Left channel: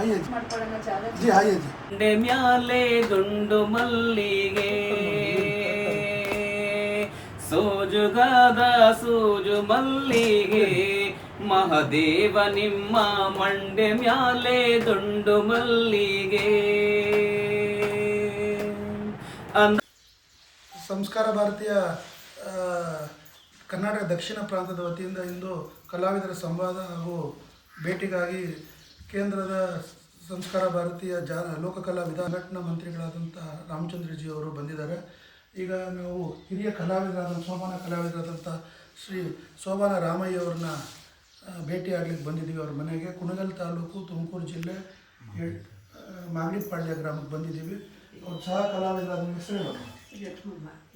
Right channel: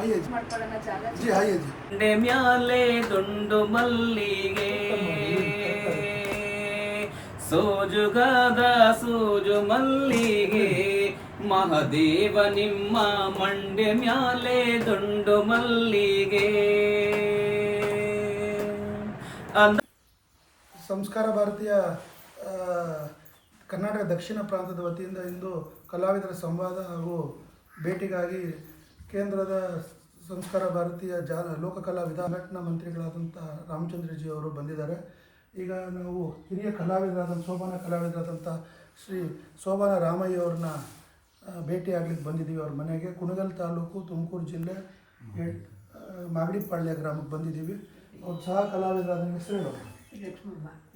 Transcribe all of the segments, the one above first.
आइए जी आइए जी ದಂಡೆ ಮ್ಯಾಲೆ ದುಂಡು ಮಲ್ಲಿಗೆ ಸೋಜುಗಾದ ಸೂಜು ಮಲ್ಲಿಗೆ ಮಹದೇವ ನಿಮ್ಮ ಮಂಡೆ ಮ್ಯಾಲೆ ದುಂಡು ಮಲ್ಲಿಗೆ ಸಂಸ್ಕಾರ ಭಾರತೀಯ ಕರ್ನಾಟಕ ದಕ್ಷಿಣ ಪ್ರಾಂತದ ವತಿಯಿಂದ ಇಂದು ಕಲಾವಿದರ ಸಂವಾದ ಹಾಗೂ ಭೇಟಿಗಾಗಿ ಕೇಂದ್ರದ ಸಂಸ್ಕಾರ ಭಾರತೀಯ ಲೋಕಕಲಾ ಸಂಘಟನಾ ಮಂತ್ರಿಗಳಾದಂಥ ರಾಮಚಂದ್ರಜಿ ಅವರು ಬಂದಿದ್ದಾರೆ. ಈಗ ನಾವು ಹಿರಿಯ ಸೋಬಾನ ಕಲಾವಿದರಾದಂಥ ಶ್ರೀ ಸೋಬಾನ ರಾಮಯ್ಯ ಅವ್ರನ್ನ ಭೇಟಿಯಾಗ್ಲಿಕ್ಕೆ ಬಂದಿದ್ದೀವಿ. ಅವ್ರ ಮನೆಗೆ ಕುಣಗಲ್ ತಾಲೂಕು ತುಮಕೂರು ಜಿಲ್ಲೆ ಮಾಗಡಿಪಾಳ್ಯ ಗ್ರಾಮಕ್ಕೆ ಬಂದಿದ್ದೀವಿ. ಅವ್ರ ಸಹ ಕಲಾವಿದರಾದ ಹೆಸರು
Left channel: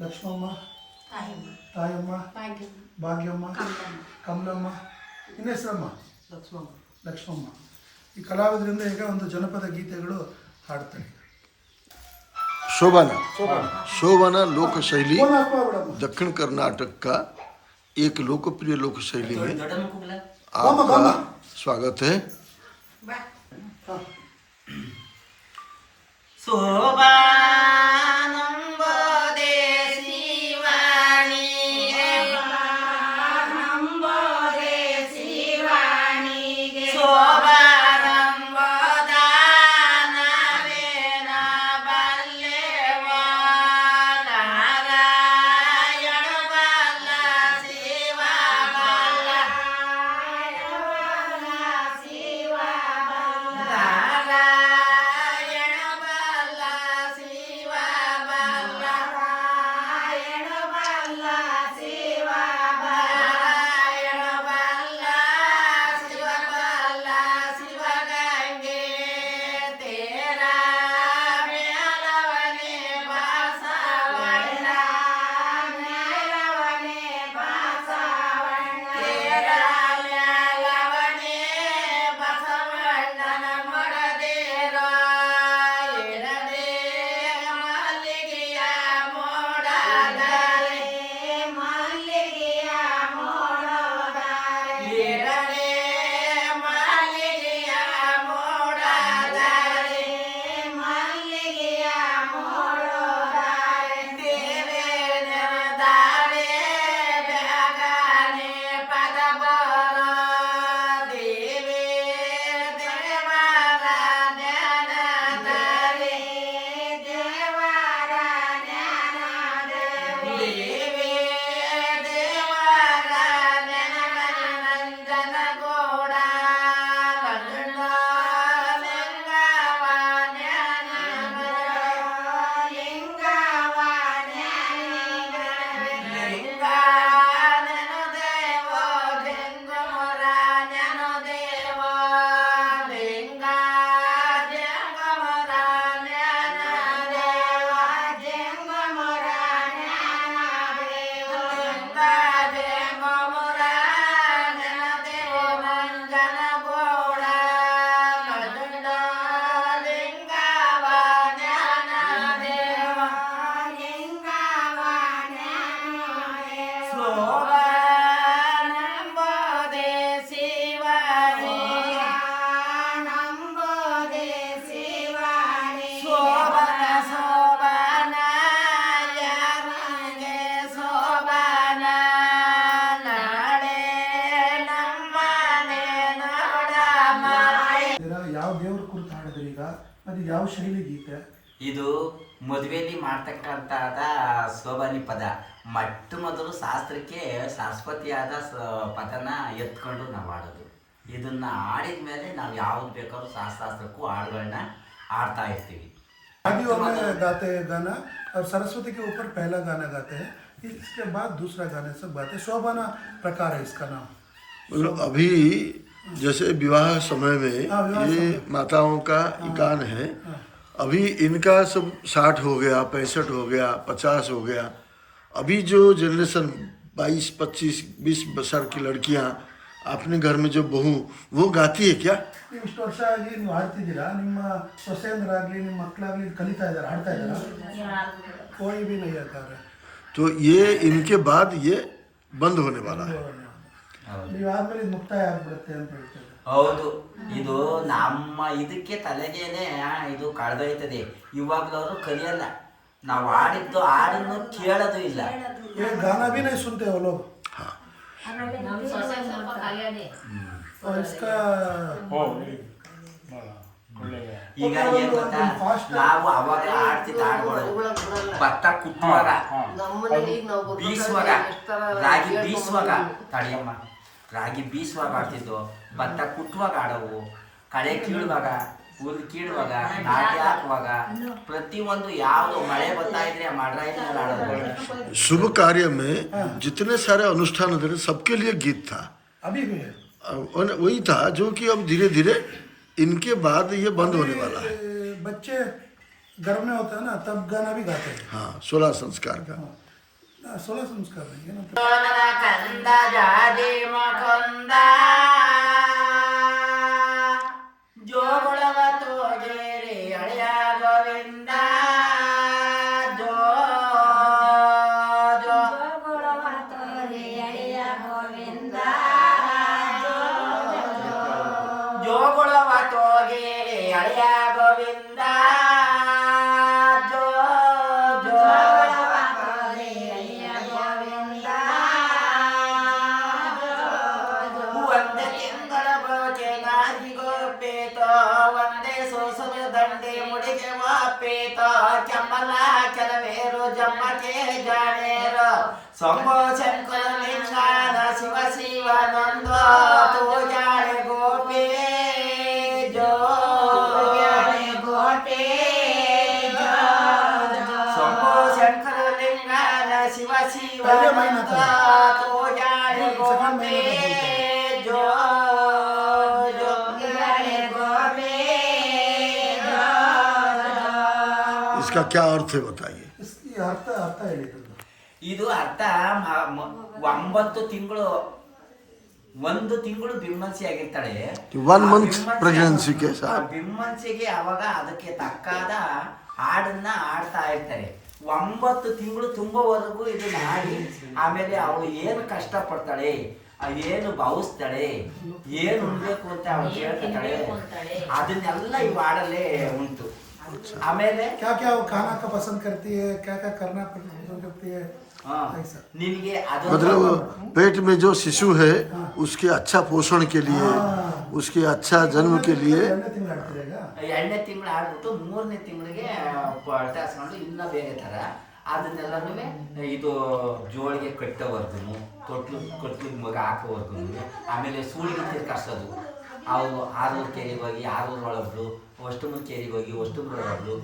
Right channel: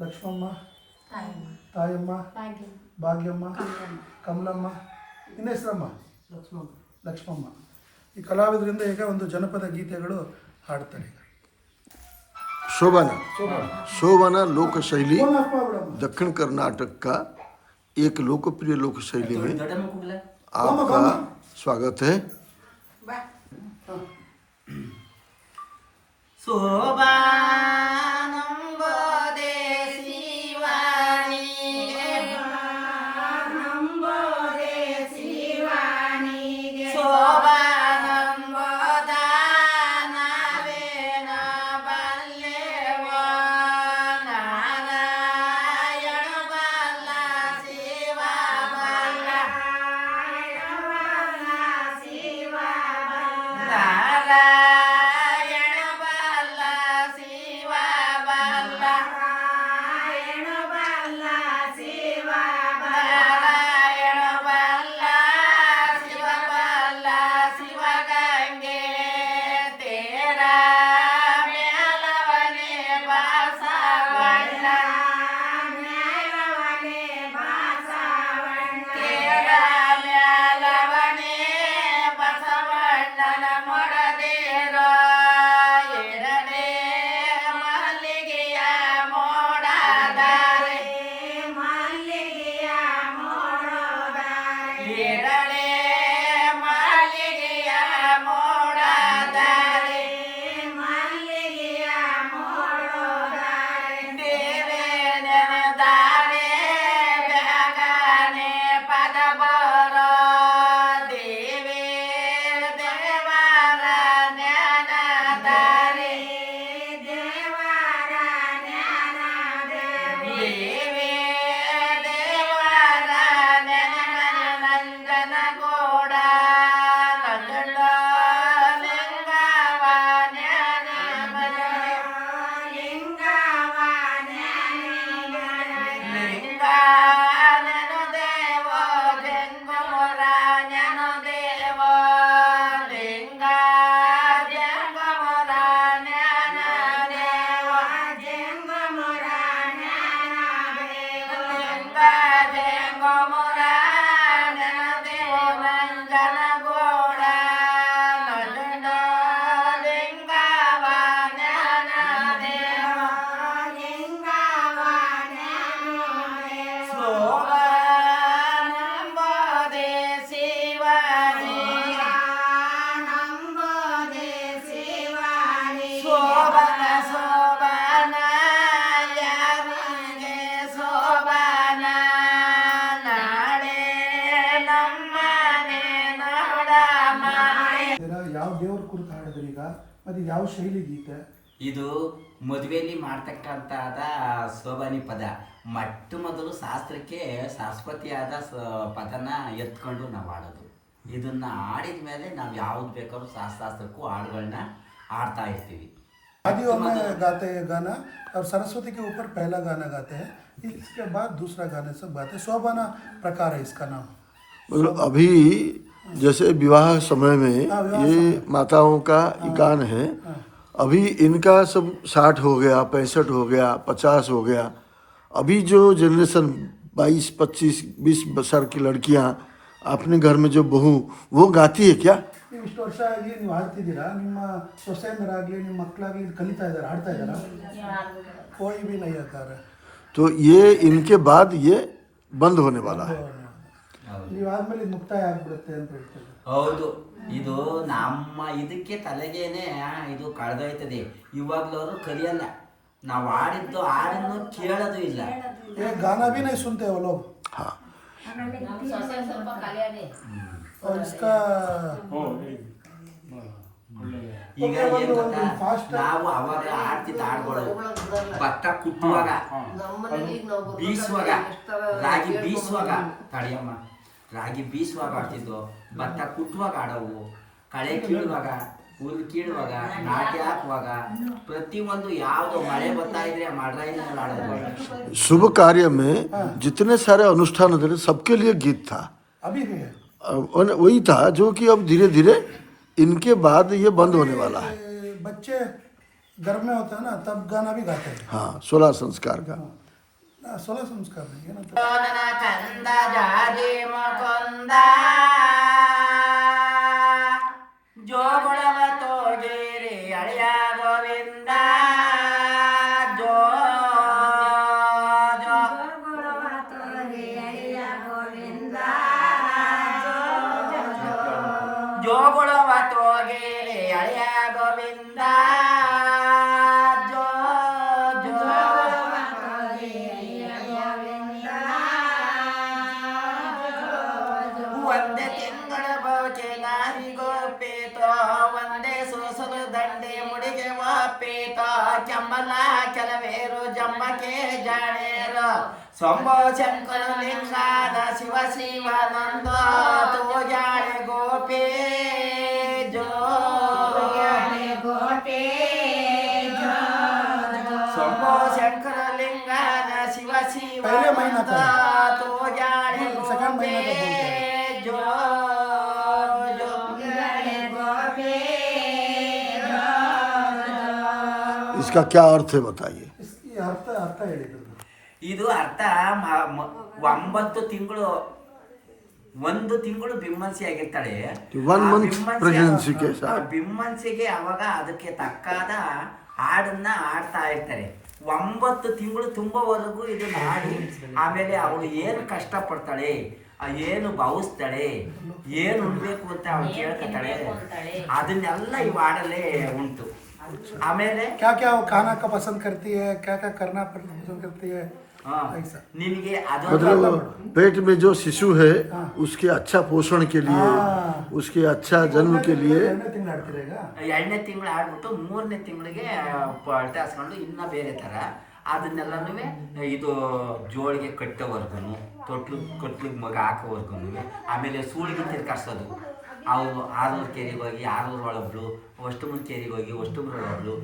ಲಕ್ಷ್ಮಮ್ಮ, ತಾಯಮ್ಮ, ಭಾಗ್ಯಮ್ಮ, ಕಮಲಮ್ಮ, ಇನ್ನ ಹೆಸರಮ್ಮ ಲಕ್ಷ್ಮಮ್ಮ. ಈ ಕಲಾವಿದರಿಂದ ಈಗ ಒಂದು ಜನಪದ ಗೀತೆಗಳು ಹಾಡ್ತಾರೆ. शोभाना लोक शैली दक्षिण कर्नाटक का एक लोकप्रिय लोक शैली में आपका स्वागत है. ಯಾವ ದೇವ್ರ ಕುರಿತು ಹಾಡಿದ್ರಿ ಈಗ? ಅದು ಯಾವ ಶೈಲಿ ಗೀತೆ? ಇದು ಮದುವೆಯಲ್ಲಿ ಮಾಡ್ತಕ್ಕಂಥದ ಸೋಬಾನಿ ಪದ. ಮೊದಲು ಶಾಸ್ತ್ರಕ್ಕೆ ಶಾಶ್ವತಿಯಾದ ಪದನ ಎತ್ಕೊಂಡು ನಾವು ಹಾಡೋದು. ಇದನ್ನ ಆಡಿದ ಮೇಲೆ ನಾವು ಯಾವ್ದು ಬೇಕಾದ್ರೂ ಶಾಸ್ತ್ರಕ್ಕೂ ಹಾಡುಗಳನ್ನ हारता शादियों में गाते हैं गाना और सरस्वती के ऊपर पहला गाना गाते हैं, इसके बाद दूसरा गाने सब गाते हैं. शोभाना प्रकार है इसका नाम. मतलब अभी जैसे विवाह समय में ये माताओं का गान है. अभी इनका सब 60 हो गया, 65 हो गया, 50 हो गया. अभी जो जनरेशन 22, 25, 20 साल की लड़कियां अपने घर में जो बहू वो गाती है क्या? ಇಷ್ಟು ವರ್ಷ ಆಗಿ ನೀವು ಹಾಡ್ತಿದ್ದೀರಾ, ನಿಮ್ಮ ಸೊಸೆಯಂದರಾಗಲಿ ನಿಮ್ಮ ಮಕ್ಕಳಾಗಲಿ ಕಲಿತಾ ಇದ್ದಾರೆ, ಹಾಡ್ತಾ ಇದ್ದಾರಾ? कोई भी नहीं आता है. तो ये इनके बाद ये बंद होने वाला है. ನೀವು ಆದ್ಮೇಲೆ ಮುಕ್ತಾಯ ಆಗ್ಬಿಡುತ್ತೆ ಅಂತ ಹೇಳ್ತಾರೆ. ಹೌದು, ಇದು ನಮ್ಮ ಇದಕ್ಕೆ ತಲೆಗೇನೆ ಇದು ಕಳೆದೋಯ್ತದೆ. ಇವಾಗ್ಲೂ ಅವರು ಕಲಿಯಲ್ಲ, ನಾವು ಆಡಿದ್ದು ಹಾಡನ್ನು ಕೇಳೋದು ಇಲ್ಲ. ये गाना भी नहीं सुनते वो लोग। हाँ और इसका ಈಗ ಏನ್ ಗೊತ್ತಾ, ನಾವು ಅವಾಗ ಆಡ್ತಿದ್ದ ಹಾಡುಗಳು ಭತ್ತ ಕುಟ್ಟುವಾಗ, ಬೀಸುವಾಗ, ರಾಗಿ ಬೀಸುವಾಗ, ತಡಿಯಮ್ಮ, ರಾಗಿ ಬೀಸುವಾಗ ಆಡ್ತಿದ್ದು, ಭತ್ತ ಕುಟ್ಟುವಾಗ ಆಡವು, ಕಳೆ ಕೀಳುವಾಗ, ಹುಲ್ ಕೀಳುವಾಗ, ನಾಟಿ ಹಾಕುವಾಗ, ಪ್ರತಿಯೊಂದು ಯಾವುದು ಮಳೆ ಬರ್ತಾ ಇದ್ರೆ ಮಾಡ್ರಾಯಿನಲ್ಲಿ ಆಡೋದು. शुभ कार्य में जितने सारे अनुष्ठान होते थे सबके लिए गीत था। अभी भी है। वही था जो कि अब धीरे धीरे इनके बाद ये बंद होने वाला है। बच्चे गर्भ में होता है ना, तब गाना भी गाते हैं। हाँ, 16 संस्कार का। 16 संस्कार नहीं है ना, तो ಕಂದ ಜಾಜಿ ಮಕೊಂದ ಜೋಗುಳವ ತೋಗೇರಿ ಅಳಿಯ ಗೋವಿಂದ ಜೋ ಜೋ ಜೋಗುಳವ ತೋಗೇರಿ ಅಳಿಯ ಗೋವಿಂದ ಜೋ ಜೋ ಒಂದೇ ತಿಂಗಳ ಬೋಕೆ ನಾರಿಗೋ ಪೇತೋ, ಒಂದೇ ಸೋಸಲು ದಂಡೆ ಮುಡಿಗೆ ವಾಪೇತೋ, ಕೆಮ್ಮಲ ಕೆಲವೇರು ಜಮ್ಮಕ್ಕೆ ಜಾಣೇರು, ಸೊಂಬೋ ಶಂಕರ ಲಿಂಗಾನ ಶಿವ ಶಿವಾನಂದ ತೋಜಾಳೆ ಗೋಪೇ ಜೋ ಸೊಂಬೋ ಶಂಕರ ಲಿಂಗಾನ ಶಿವ ಶಿವಾನಂದ ತೋಜಾಳೆ ಗೋಪೇ ಜೋ ಜೋ इसका क्या अर्थ है बताइए। इसकी अर्थ अर्थ ಹೇಳಿದ್ರು। ಇದು ಅರ್ಥ 9 ತಿಂಗಳು, 1 ತಿಂಗಳು ಬಿಮ್ಮನ್ಸಿ ಆಗಿರ್ತಾಳೆ. 1 month pregnancy के साथ ಬಿಮ್ಮನ್ಸಿಗೆ ಅವಾಗ ಅದಕ್ಕೆ ತಕ್ಕಾದ ಹಾಡನ್ನ ಆಡ್ತಾ ಇರ್ತಾರೆ. 9 ತಿಂಗಳು ತುಂಬವರೆಗೂ ಇದು ಮಾಡಿ, ಆಮೇಲೆ ಅವಳು ಏನು ಕಷ್ಟಪಡ್ತಾಳೆ, ಏನು ಭಾವಿಸ್ತಾಳೆ, ಏನು ಉಣ್ಬೇಕು ಅಂತ ಅವಳು ಕೇಳ್ಕೊತಾಳೆ, ಅದನ್ನೆಲ್ಲ ಈ ಹಾಡಲ್ಲೇ ಉಂಟು. ಆಮೇಲೆ क्या क्या वो खाना का पसंद करती है, क्या क्या करना पसंद करती है, ऐसा। ನಿನಗೆ ಅದು मतलब पेट में जो शिशु है उसके अच्छा पोषण के लिए, उसके अच्छा जन्म के लिए ಎರಡನೇ ತಿಂಗಳು ಆಡ್ತಿರೇಗ? 2ನೇ ತಿಂಗಳು ಆಡ್ಬಿಟ್ಟು 3ನೇ ತಿಂಗಳಿಗೆ ಪಲ್ಟಾಸ್ಕೊಂಡು ಇನ್ನ ಬೇರೆ ಥರ ಅದನ್ನೆಲ್ಲನೂ ಇದು ಜೋಳಿಗೆ ಕಟ್ಟೋವರ್ಗು, ತೊಟ್ಲಿಗೆ ಮಗ ಹಾಕೋವರ್ಗು, ಆಮೇಲೆ ಸೂಳಿಗೆ ತಿರ್ಕಾಡ್ಸೋದು. ಅವು 6 ಕೆರೆಗೆ ಹೋಗಿ 6 ಒಳಬ್ರು, ಅಷ್ಟಮೂರು ಕೆರೆಗೆ ಹೋಗಿ ಅಷ್ಟಮೂರು ಒಳಬ್ರು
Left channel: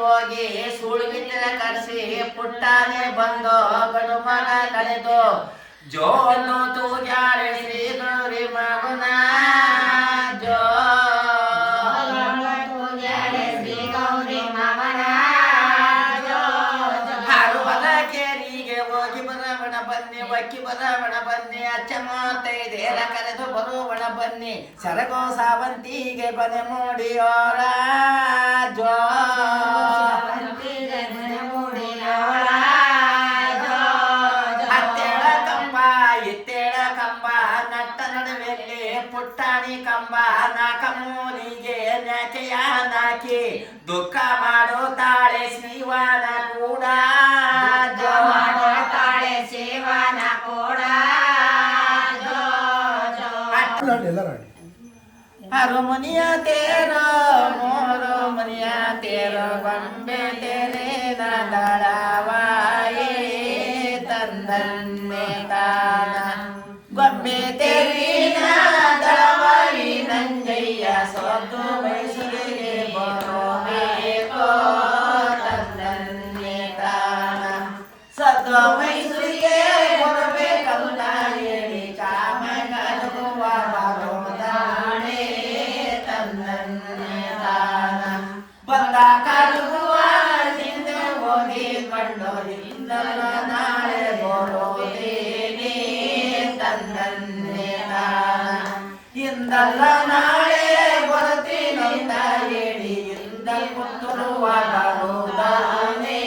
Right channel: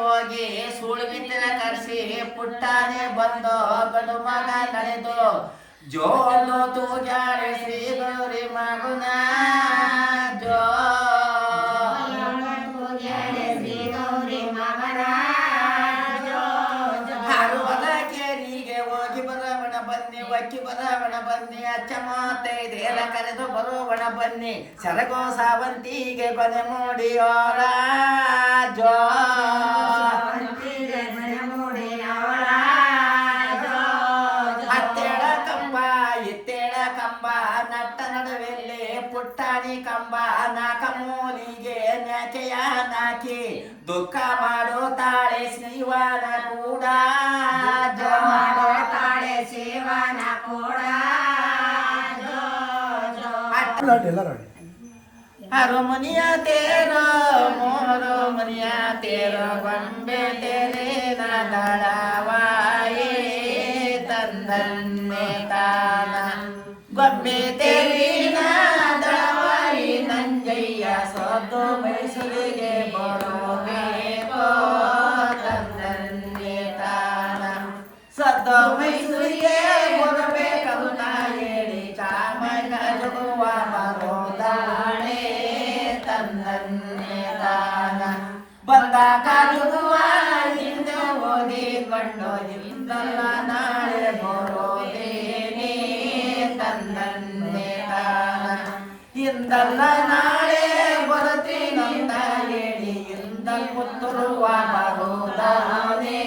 ಹೋಗಿ ಸೂಳಿಗಿತ್ತಿನ ಕರ್ಸಿ ಪುಟ್ಟಾನೆ ಬಂದು ಗಂಡು ಮಗ ಕಳೆದು ಜೋಲು ತೂಜಾಳೆ ಶ್ರೀ ಗೌರಿ ಮಗುನ ಜೋ ಬಕ್ಕಿ ಬರವಣ ಬನ್ನಿ, ಅಚ್ಚ 35 ಕರೆದು ಬರುವಣ ಬನ್ನಿ, ಸರಗೋ ಸಾವಂತಿಗೆ ಕೊನೆ ಮೂಡಿಯೋರ ಜೋ ಹತ್ತೆಳ ಕಂಬ ಎತ್ತೆಳ ಕಂಬ ನಟ್ಟ ನಡುವೆಲ್ಲಿ ಪುಟ್ಟಾಣಿ ಕಂಬ, ನಾಕ ಮೂಲಿಗೆ ನ್ಯಾಕೆಯ ನಾಕಿ ದುಃಖ ಮಾಡುತ್ತಾಳೆ ಶಿವನ ಕೂಡ ಜೋ ಶಿವನ ಕೂಡ ಎಲ್ಲರೂ ಆಡಿ। ಹರಮನಿಯ ತೇರೋ ಮೋರೋ ಮನಿಯ ತೇರೋ ಗೊಂಬೆ ತೆರೆ ನಡಳವಾಯೇ ತಂದನ್ನೆ ತಾನ ಗೊಂಬೆ ತೆರಿನ ದಳವಾಯಿ ನಂಜಯ್ಯ ಸೊದ್ದು ಮೈಸೂರಿಗೆ ಬರೋಬೇಕೋ ತಂದನ್ನೆ ತಾನ ಸದ್ದು ಮೈಸೂರಿಗೆ ಬರಬೇಕಂತ ಹೇಳಿ ಚಾಮಗ ಜಗುವ ಬಾರೋದಾಣೆ ತಂದನ್ನೆ ತಾನ ಬಂದಾಗ ಜಗುವ ಹಿಂದೆ ಹೋಗಿ ಕಂಡು ಹಿಂದಲ್ಲ ನಾಳೆ ಬರೋದೇನೆ ತಂದನ್ನೆ ತಾನ ಹಿಂದಲ್ಲ ನಾಳೆ ಬರುತ್ತೀನಂತ ಹೇಳಿ ಹಿಂದಲ್ ಪುತ್ತೂರುವ ಬರೋದಾನೆ